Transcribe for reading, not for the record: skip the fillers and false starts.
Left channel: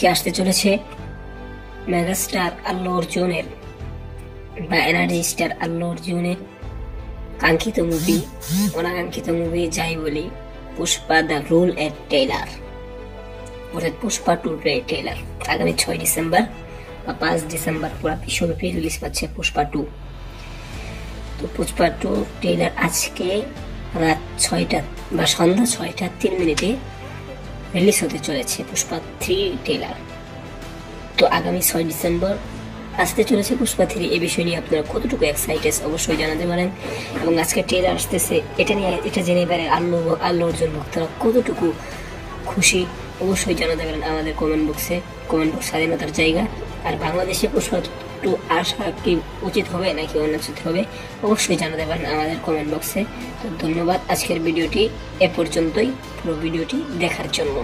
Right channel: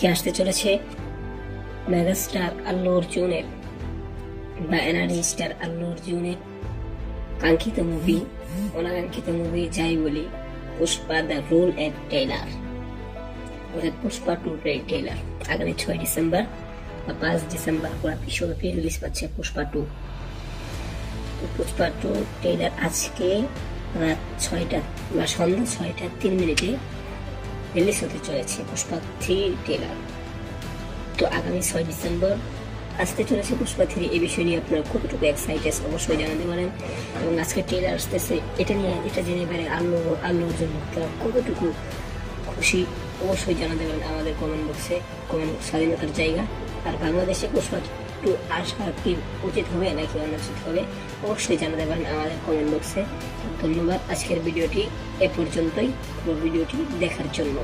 আজকে আসতে চলেছে মেগাস্টার আল্লু অর্জুনের বা এনার্জি স্টার আল্লু অর্জুনের কাঙ্ক্ষিত মুভি, অনাকাঙ্ক্ষিত মুভি যাই বলি, পুষ্পা দ্য রুল এর ট্রেলার, অর্থাৎ পুষ্পা 2 ট্রেলার আগামী 6 ডিসেম্বর বা 5 ডিসেম্বর পুরো বিশ্বব্যাপী রিলিজ পাচ্ছে পুষ্পা 2। তো পুষ্পা 2 ট্রেলার আজকে রাত 6টা বা সন্ধ্যা 6টা 3 মিনিটে রিলিজ হতে চলেছে পুষ্পা 3 ট্রেলার। তো আগামী 6 ডিসেম্বর আসতে চলেছে পুষ্পা 3। এই বিষয় নিয়ে আপনারা কতটুকু এক্সাইটেড অবশ্যই জানাতে পারেন, এবং আজকে ট্রেলার আসতেছে এটা জেনে পারে আল্লু অর্জুন ভক্তরা কতটুকু খুশি অবশ্যই জানাতে পারেন আমাদের কমেন্ট বক্সে। কমেন্ট বক্স স্বাধীনতার জায়গা। আর বাংলাদেশে পুষ্পা 2 আসা কি উচিত হবে নাকি অনুচিত হবে অবশ্যই জানাতে পারেন আমাদের কমেন্ট বক্সে। তো ধন্যবাদ আজকের ভিডিওটি এ পর্যন্তই, পুরো ভিডিওটি দেখার জন্য।